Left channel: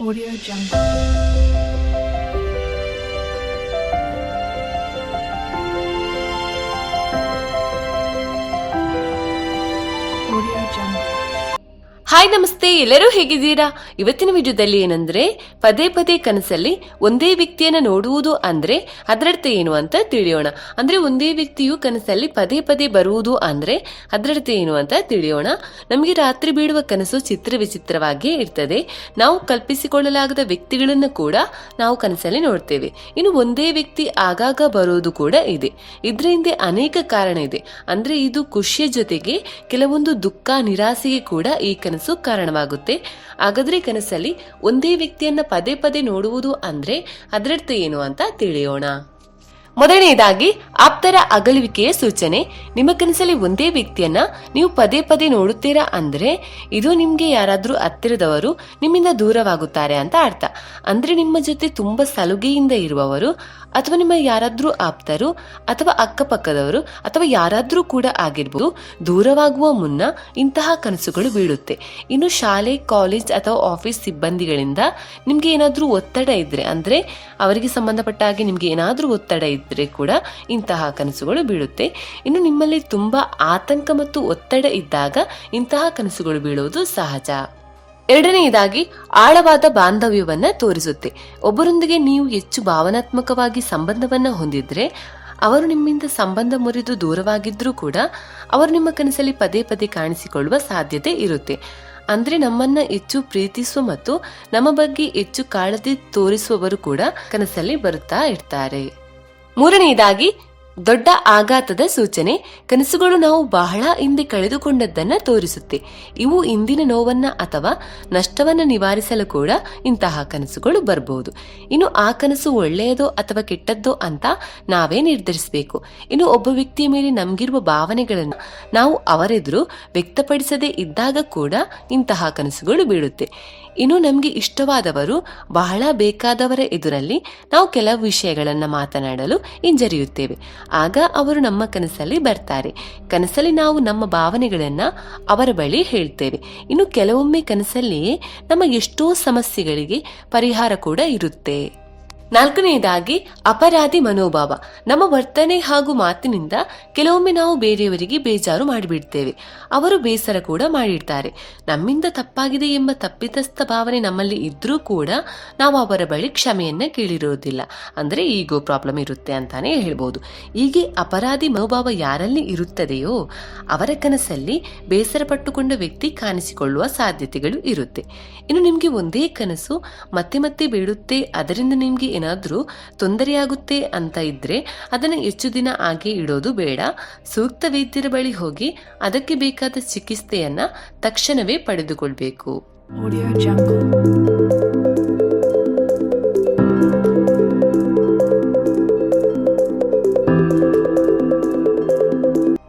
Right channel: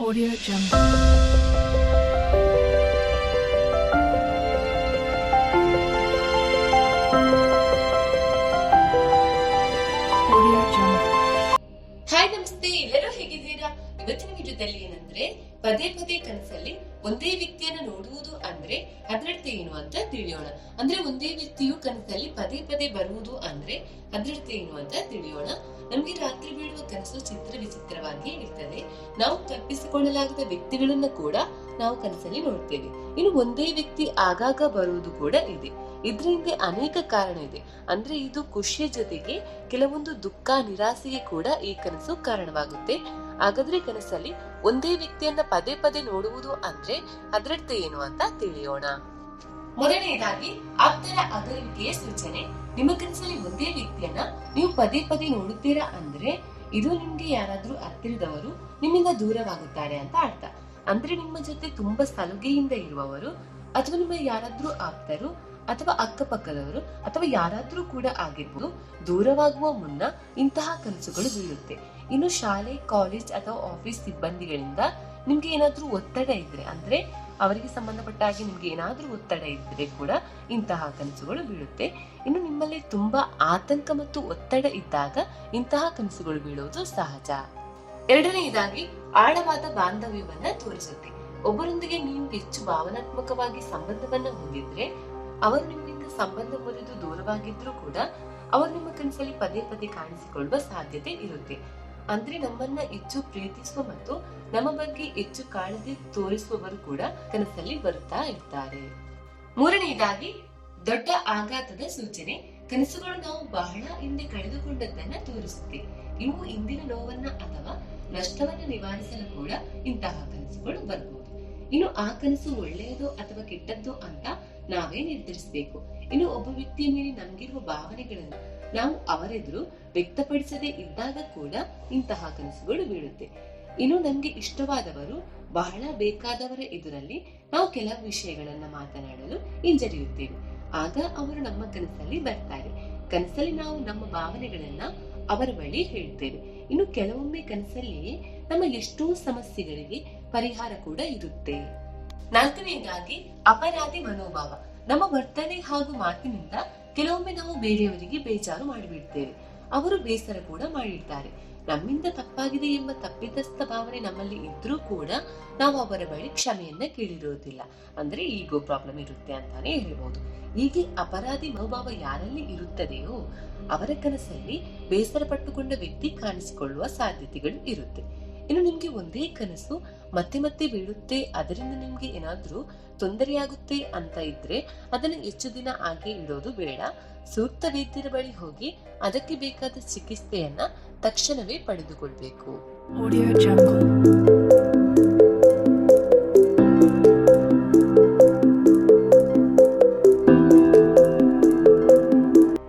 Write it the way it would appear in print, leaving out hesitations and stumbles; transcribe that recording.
Audio Jungle. Audio Jungle. Hi ನಮಸ್ತೆ, ಎಲ್ಲರೂ ಹೇಗಿದ್ದೀರಾ? ಇವತ್ತಿನ ವಿಡಿಯೋದಲ್ಲಿ ಏನಂದ್ರೆ ಪದೇ ಪದೇ ಕನಸಲ್ಲಿ ಒಂದೇ ವ್ಯಕ್ತಿಯನ್ನ ನೋಡುವುದು ಅಂದ್ರೆ ಅದರರ್ಥ ಏನು ಅಂತ ತಿಳಿಯೋಣ. ಅಂದ್ರೆ ಒಂದೇ ವ್ಯಕ್ತಿಯು ಕನಸಲ್ಲಿ ಪದೇ ಪದೇ ಬರುವುದು ಅಂದ್ರೆ ಅದರರ್ಥ ಏನು ಅಂತ ತಿಳಿಯೋಣ. ನಮಗೆ ರಾತ್ರಿ ಬೀಳುವ ಕನಸು ಚಿತ್ರ ವಿಚಿತ್ರವಾಗಿಯೇ ಇರ್ತದೆ. ನಾವು ಕಲ್ಪಿಸಿಕೊಳ್ಳಲಾಗದ ವ್ಯಕ್ತಿಗಳನ್ನ ಕೂಡ ನಾವು ಕನಸಲ್ಲಿ ನೋಡ್ತೇವೆ. ಇನ್ನು ಒಂದೇ ವ್ಯಕ್ತಿ ಆಗಾಗ ಬರುವುದು ಕೂಡ ಇದೆ. ಇದ್ರ ಹಿಂದೆ ಅನೇಕ ಕಾರಣ ಇದೆ. ಅಂದ್ರೆ ಇದು ಖುಷಿಯ ಜೊತೆಗೆ ಕೆಲವೊಂದು ದುಃಖ ನಿರಾಸೆಗೆ ಕೂಡ ಈ ಕನಸು ಕಾರಣವಾಗುತ್ತೆ. ಹಾಗಾದ್ರೆ ಕನಸಲ್ಲಿ ಒಂದೇ ವ್ಯಕ್ತಿಯನ್ನ ಪದೇ ಪದೇ ನೋಡುವುದು ಅಂದ್ರೆ ಅದರರ್ಥ ಏನು ಅಂತ ತಿಳಿಯೋಣ. ಮೊದಲನೆಯದಾಗಿ ಆಪ್ತರ ಅಗಲುವಿಕೆಯ ಸೂಚನೆ. ನಿಮ್ಮ ಕನಸಲ್ಲಿ ಒಂದೇ ವ್ಯಕ್ತಿಯನ್ನ ನೀವು ಪದೇ ಪದೇ ನೋಡುತ್ತೀರಾ ಅಂದ್ರೆ ಇದು ನಿಮ್ಗೆ ಯಾರಾದ್ರೂ ಹತ್ತಿರದವರು ನಿಮ್ಮಿಂದ ದೂರವಾಗುತ್ತಾರೆ ಅಂತ ಅರ್ಥ. ಅಂದ್ರೆ ನಿಮ್ಮ ಜೊತೆ ತುಂಬಾ ಸಲುಗೆಯಿಂದ ಇರುವವರು ಅಥವಾ ನಿಮ್ಮ ಯಾರಾದ್ರೂ ಆಪ್ತರು ಅಥವಾ ಅಕ್ಕಪಕ್ಕದವರು ಅಥವಾ ಯಾರಾದ್ರೂ ಕೂಡ ಆಗಿರ್ಬೋದು ದೂರವಾಗುವ ಮುನ್ನ ಇಂತಹ ಕನಸುಗಳು ಬೀಳುತ್ತೆ. ಇನ್ನು ಶಾಲೆ, ಕಾಲೇಜ್ ಅಥವಾ ಆಫೀಸ್ ಸಿಬ್ಬಂದಿಗಳಿಂದ ನಿಮ್ಗೆ ಏನಾದ್ರೂ ಒತ್ತಡ ಇದ್ರೆ ಅಂದ್ರೆ ಅವರಿಗೆ ಸಂಬಂಧಪಟ್ಟ ಹಾಗೆ ನಿಮ್ಗೆ ಏನಾದ್ರೂ ಒತ್ತಡ ಇದ್ರೆ ಕೂಡ ಇಂತಹ ಕನಸುಗಳು ಬೀಳುತ್ತೆ. ಇನ್ನು ನಿಮ್ಮಲ್ಲಿ ತುಂಬಾ ಆತಂಕ ಮತ್ತು ಒತ್ತಡ ಇದ್ದಾಗ ಇಂತಹ ಕನಸುಗಳು ಬೀಳುವುದು ಸಹಜ. ಎರಡನೆಯದಾಗಿ ಆಳವಾದ ಬಾಂಧವ್ಯವನ್ನ ತೋರಿಸುತ್ತೆ. ಒಬ್ಬರೊಂದಿಗೆ ನೀವು ಹೆಚ್ಚು ಭಾವನಾತ್ಮಕವಾಗಿ ಸಂಬಂಧವನ್ನ ಹೊಂದಿದ್ರೆ ಅವರು ನಿಮ್ಮಿಂದ ಸಂಬಂಧ ಮುರಿದು ದೂರವಾಗಿದ್ರೂ ಕೂಡ ಅವರು ನಿಮ್ಮ ಕನಸಲ್ಲಿ ಪದೇ ಪದೇ ಕಾಣಿಸಿಕೊಳ್ಳುವ ಸಾಧ್ಯತೆ ಇರುತ್ತೆ. ಅಂದ್ರೆ ನಮ್ಮನ್ನ ಹೆಚ್ಚು ಪ್ರೀತಿಸುವ ಮತ್ತು ನಮ್ಮ ಬಗ್ಗೆ ಹೆಚ್ಚು ಕಾಳಜಿ ತೋರಿಸುವವರು ಕೂಡ ಕನಸಲ್ಲಿ ಬರುತ್ತಾ ಇರ್ತಾರೆ. ಮೂರನೆಯದಾಗಿ ದೊಡ್ಡ ಆಘಾತದ ಸೂಚನೆ. ಕನಸುಗಳು ನಾವು ಬಹಳ ಹಿಂದೆ ಕಳೆದುಕೊಂಡದ್ದನ್ನ ತೋರಿಸುತ್ತೆ. ಇವು ಇಂದಿನ ನೋವನ್ನ ಅಥವಾ ನಷ್ಟವನ್ನ ನಿವಾರಿಸಲು ಕೂಡ ಇಂತಹ ಕನಸುಗಳು ಬರಬಹುದು. ಇನ್ನು ಆ ಕನಸು ಒಳ್ಳೆಯದೋ ಅಥವಾ ಕೆಟ್ಟದ್ದೋ ಅಂತ ನಾವೇ ನಿರ್ಧರಿಸಬೇಕು. ಇನ್ನು ಒಬ್ಬ ವ್ಯಕ್ತಿಯ ಮೇಲೆ ನಮ್ಗಿರುವ ಭಾವನೆಗಳನ್ನ ನಾವು ಅವರೆದುರು ವ್ಯಕ್ತಪಡಿಸದೇ ಇದ್ದಾಗ ಕೂಡ ಇಂತಹ ಕನಸುಗಳು ಬೀಳುತ್ತೆ. ಇನ್ನು ನಮ್ಗೆ ಇಷ್ಟವಾದವರು ಬಹಳ ಬೇಕಾದವರ ಎದುರಲ್ಲಿ ನಾವು ಕೆಲವು ವಿಷಯಗಳನ್ನ ಮಾತನಾಡಲು ಹಿಂಜರಿಯುತ್ತೇವೆ. ಆಗ ಅವರು ನಮ್ಮ ಕನಸಲ್ಲಿ ಬರ್ತಾರೆ. ಕನಸಲ್ಲಿ ನಾವು ನಮ್ಮ ಭಾವನೆಗಳನ್ನ ಅವರ ಬಳಿ ಹೇಳ್ತೇವೆ. ಇನ್ನು ಕೆಲವೊಮ್ಮೆ ಕನಸಲ್ಲಿಯೇ ನಮ್ಮ ಎಷ್ಟೋ ಸಮಸ್ಯೆಗಳಿಗೆ ಪರಿಹಾರ ಕೂಡ ಇರುತ್ತೆ. ನಾಲ್ಕನೆಯದಾಗಿ ಅಪರಾಧಿ ಮನೋಭಾವ. ನಮ್ಮ ವರ್ತನೆ ಹಾಗೂ ಮಾತಿನಿಂದ ಕೆಲವೊಮ್ಮೆ ನಾವು ಬೇರೆಯವರಿಗೆ ಬೇಜಾರು ಮಾಡಿಬಿಡ್ತೇವೆ. ಅವರು ಬೇಸರ ಕೂಡ ಮಾಡಿರ್ತಾರೆ. ನಮ್ಮಿಂದ ತಪ್ಪಾಗಿದೆ ಎಂಬ ತಪ್ಪಿತಸ್ಥ ಭಾವನೆ ನಮ್ಮಲ್ಲಿ ಇದ್ರೂ ಕೂಡ ನಾವು ಅವರ ಬಳಿ ಕ್ಷಮೆಯನ್ನ ಕೇಳಿರೋದಿಲ್ಲ. ಅಂದ್ರೆ ಈಗೋ ಪ್ರಾಬ್ಲಮ್ ಇರುತ್ತೆ ಅಂತಾನೆ ಹೇಳ್ಬೋದು. ಹೀಗೆ ಅಪರಾಧಿ ಮನೋಭಾವ ಯಾರಲ್ಲಿ ಇರುತ್ತದೆಯೋ ಅವರ ಕನಸಲ್ಲಿ ಬೇಸರ ಪಟ್ಟುಕೊಂಡ ವ್ಯಕ್ತಿ ಕಾಣಿಸಿಕೊಳ್ಳುವ ಸಾಧ್ಯತೆಗಳು ಇರುತ್ತೆ. ಇನ್ನು ನಿಮ್ಗೆ ಒಂದೇ ಕನಸು ಮತ್ತೆ ಮತ್ತೆ ಬೀಳುತ್ತೆ, ಅದರಿಂದ ನಿಮ್ಗೆ ಏನಾದ್ರೂ ತೊಂದರೆಯಾಗುತ್ತೆ ಅಂತ ಇದ್ರೆ ಅದನ್ನ ಹೆಚ್ಚು ದಿನ ಹಾಗೆ ಇಡೋದು ಬೇಡ. ಸೂಕ್ತ ವೈದ್ಯರ ಬಳಿ ಹೋಗಿ ಅದಕ್ಕೆ ಬೇಕಾದ ಚಿಕಿತ್ಸೆಯನ್ನ ತಕ್ಷಣವೇ ಪಡೆದುಕೊಳ್ಬೇಕು. Audio Jungle.